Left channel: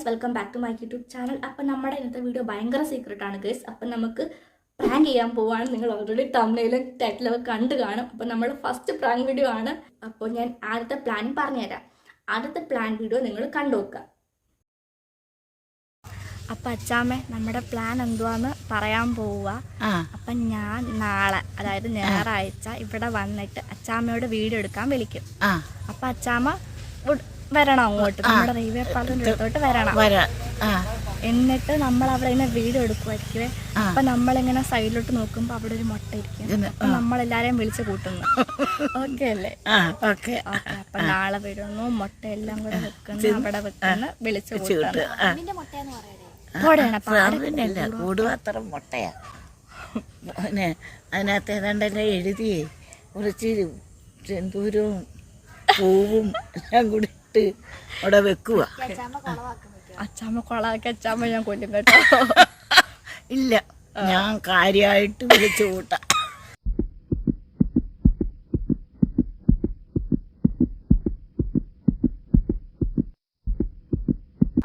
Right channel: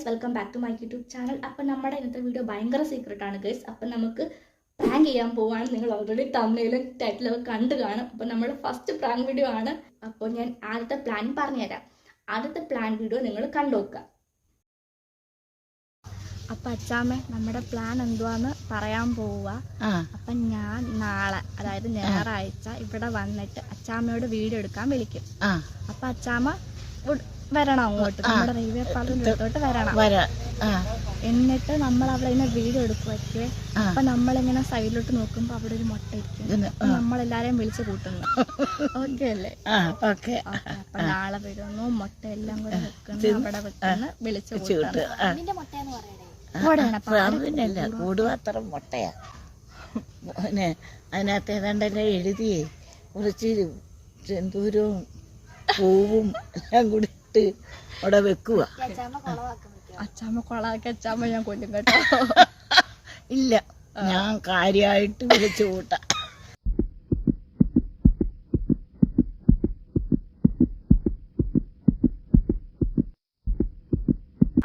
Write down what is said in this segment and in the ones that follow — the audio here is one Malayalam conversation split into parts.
Guys, welcome back to my YouTube channel. അപ്പം നമ്മുടെ ഇന്നത്തെ വീഡിയോ ഭയങ്കര സീക്രട്ടാണ് ഗൈസ്. അപ്പം നമുക്ക് പ്രാങ്ക് ചെയ്യാൻ പോവാണ്. നിങ്ങൾ ഓൾറെഡി തംബ്നെയിലും ടൈറ്റിലൊക്കെ കണ്ടു കാണും. അപ്പം നമ്മൾ ഫസ്റ്റ് പ്രാങ്ക് വീഡിയോ ആണ്. അപ്പോൾ ഞാൻ ആദ്യത്തെ പ്ലാൻ പറഞ്ഞുതരാം. ആദ്യത്തെ പ്ലാൻ വീഡിയോ നിങ്ങൾ കണ്ടു നോക്കുക. അപ്പം അച്ചാമ്മ, നമ്മുടെ പ്ലാൻ എന്തുവാന്ന് പറയാൻ പോവുക. അപ്പം ഞാൻ നാളെ, അതായത് ഞായറാഴ്ച ഇവിടെ വന്നിട്ട് അച്ചാമ്മയോട് വീഡിയോ എടുക്കാൻ വിളിക്കും. അപ്പം അച്ചാമ്മ വരണം അങ്ങോട്ട്, നമ്മുടെ റെയിൽവേ പാലത്തിന്റെ അടുത്തോട്ട് വരണം. എന്നിട്ട് നമ്മൾ അവിടെ ഇങ്ങനെ വീഡിയോ എടുക്കുമായിരിക്കും. അപ്പൊ നമ്മളിങ്ങനെ സൈഡിലോട്ട് നോക്കുമ്പോ അവിടെ ഒരു മുട്ട ഇരിക്കും. നമ്മളെല്ലാരെയും വിളിച്ച് കൂട്ടുന്നു. ഓക്കെ അല്ലേ? അപ്പൊ നാളെ വരുന്നു, മുട്ട എല്ലാം കൂടെ വെക്കുന്നു, അവിടെ വെക്കുന്നു, വിളിച്ച് കൂട്ടുന്നു. കൂടുപാത്രം മുട്ടയാ. അതിനകത്ത് ഏതാണ്ടല്ലേ എഴുതിയേ, കുറച്ച് ചെന്തൂരവും പൂവും എല്ലാം കൂടി ഇട്ട് അവിടെ വെക്കുക. അച്ചാമ്മ കൊളാക്കി അച്ചാമ്മ ഞാൻ കൊല്ലും കേട്ടോ. ഇല്ല, ഞാൻ കാര്യമായിട്ട് വിളിച്ചു കൂട്ടാം.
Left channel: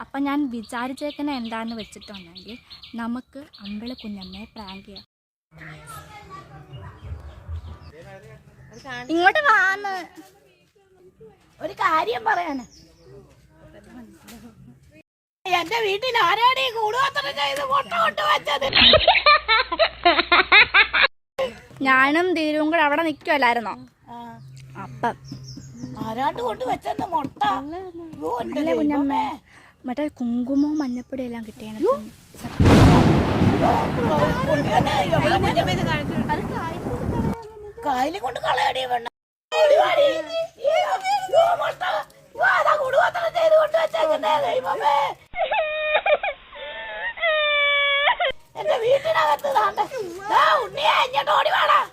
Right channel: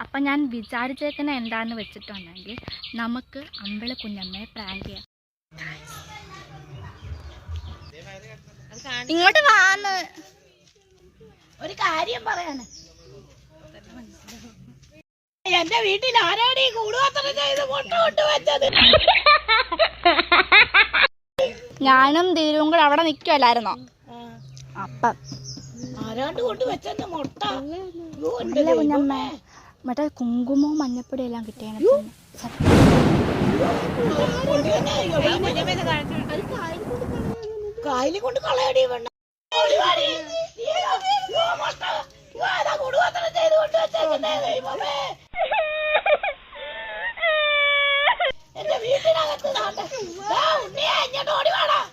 അപ്പം ഞാൻ വിചാരിച്ചേക്കുന്ന എന്താന്ന് വെച്ചിട്ടുണ്ടെങ്കിൽ നമുക്ക് അമ്പിളി കുഞ്ഞമ്മയെ പ്രാങ്ക് ചെയ്യാം. ഇങ്ങോട്ട് വാന്ന് ഒരു കാര്യം പറയാന്. എന്റെ വീട്ടിൽ ആരാണ് ഈ കൂടുപാത്രം ചെയ്ത് മുട്ട കൊണ്ട് വെച്ചത്? ഞാനും ധീരവും കൂടെ അവിടെ നിൽക്കുമല്ലായിരുന്നോ? അപ്പം ആരാണ്ട് കൊണ്ട് വെച്ചെന്ന് മുട്ട കുഞ്ഞമ്മ, മറ്റേ കുങ്കുമവും മഞ്ഞപ്പൊടിയും എല്ലാം കിട്ടിയാണ്. കായലിൽ കൊണ്ട് കളയടി വേണ്ട. എന്റെ വീട്ടിനകത്ത് ഓടി വേണം.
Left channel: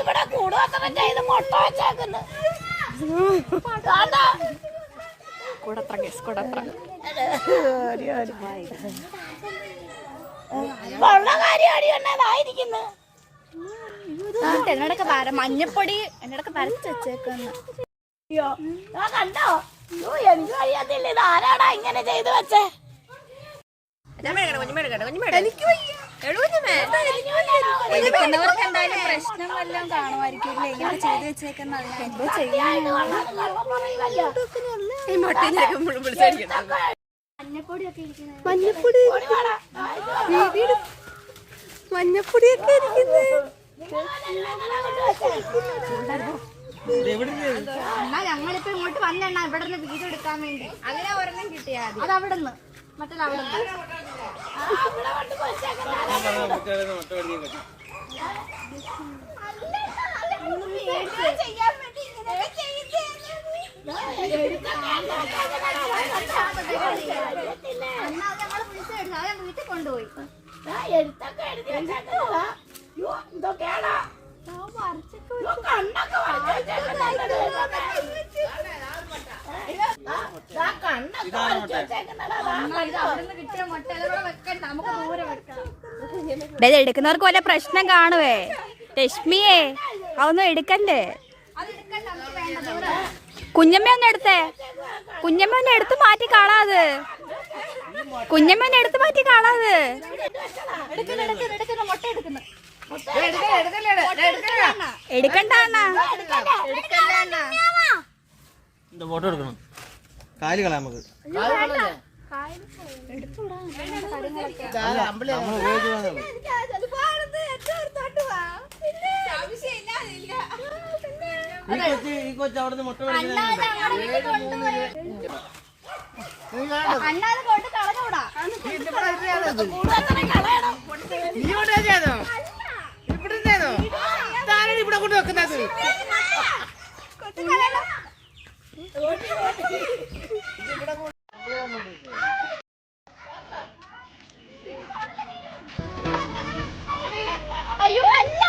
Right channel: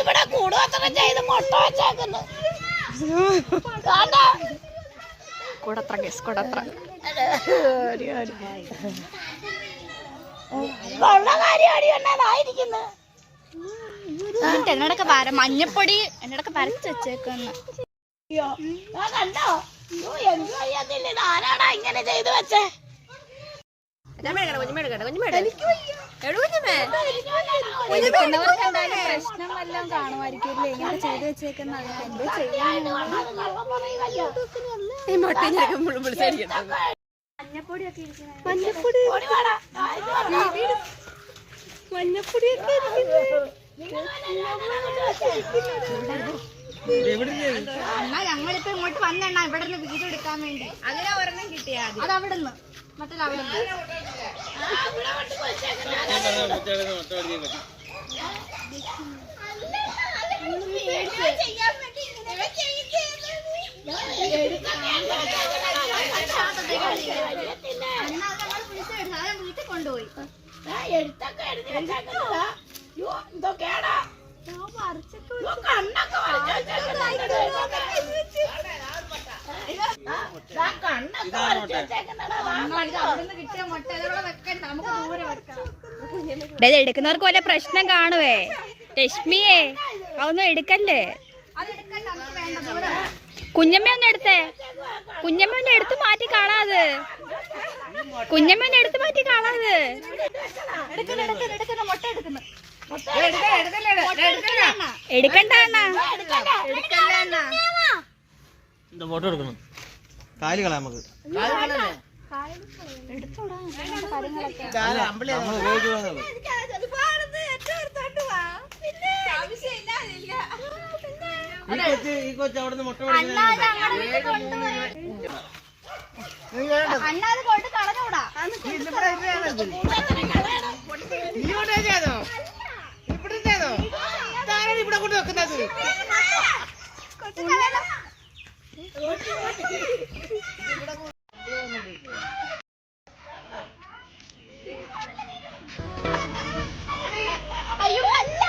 ഇവിടെ കൂടുപാത്രം ചെയ്ത് മുട്ട വെച്ചേക്കുന്നു. എന്നോടൊക്കെ മഞ്ഞപ്പൊടി എന്നോടൊക്കെ വരച്ച് വെച്ചേക്കുന്നു. കണ്ടോ? എന്ത് അറിയാത്തില്ല, ഇത് ആരാടാ ഇങ്ങനെ ചെയ്തു വെച്ചേ? എടുക്കുന്നവർക്ക് എന്തായാലും പ്രശ്നം വല്ലതും കാണുമായിരിക്കും. എങ്ങനെ ചെയ്ത് വെച്ചേക്കുന്ന എന്തോ ചെയ്യാൻ. മഞ്ഞപ്പൊടിയൊക്കെ മഞ്ഞപ്പൊടിയൊക്കെ എന്നാ ഞങ്ങളിപ്പോ ഇങ്ങോട്ട് വന്നെണ്ണ ഇവിടെ നിന്ന് വീഡിയോ എടുക്കാൻ വേണ്ടി. അങ്ങനെ ഒരെണ്ണം കിട്ടിയാ അത് അവിടെ നിന്ന് മറ്റേ അവിടെ വീട്ടിൽ കൊണ്ടുപോയി എന്തൊക്കെയാടാ കണ്ണൊക്കെ എടുക്കുന്നവർക്ക് വല്ല പ്രശ്നം കാണുവേ. രശ്മിയെ അതൊന്നും എടുക്കല്ലേ. കുഞ്ഞമ്മ ഒന്ന് എടുത്തേ, കുഞ്ഞമ്മ ഒന്ന് എടുത്ത് മാറ്റി കാണാത്, കുഞ്ഞമ്മ ഒന്ന് എടുത്ത് മാറ്റി കാണാത്. മുട്ട എടുക്കുന്നു. എടുക്കണ്ട ഫോട്ടോ എടുക്കണം. കാല് കളയാം നമുക്ക്. ഈ കൊച്ചു അവിടെ മുട്ട അണ്ണാത് കൊണ്ട് കളഞ്ഞൂടാ. ഇവിടെ കൊണ്ട് വെക്കുന്നത് അയ്യോ അല്ല.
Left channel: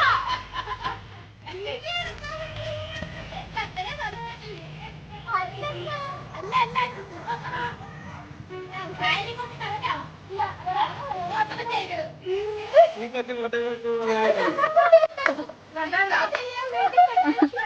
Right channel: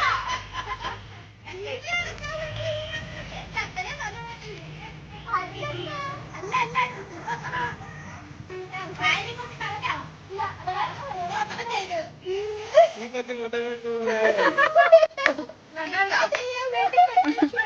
ചെയ്യാൻ വേണ്ടി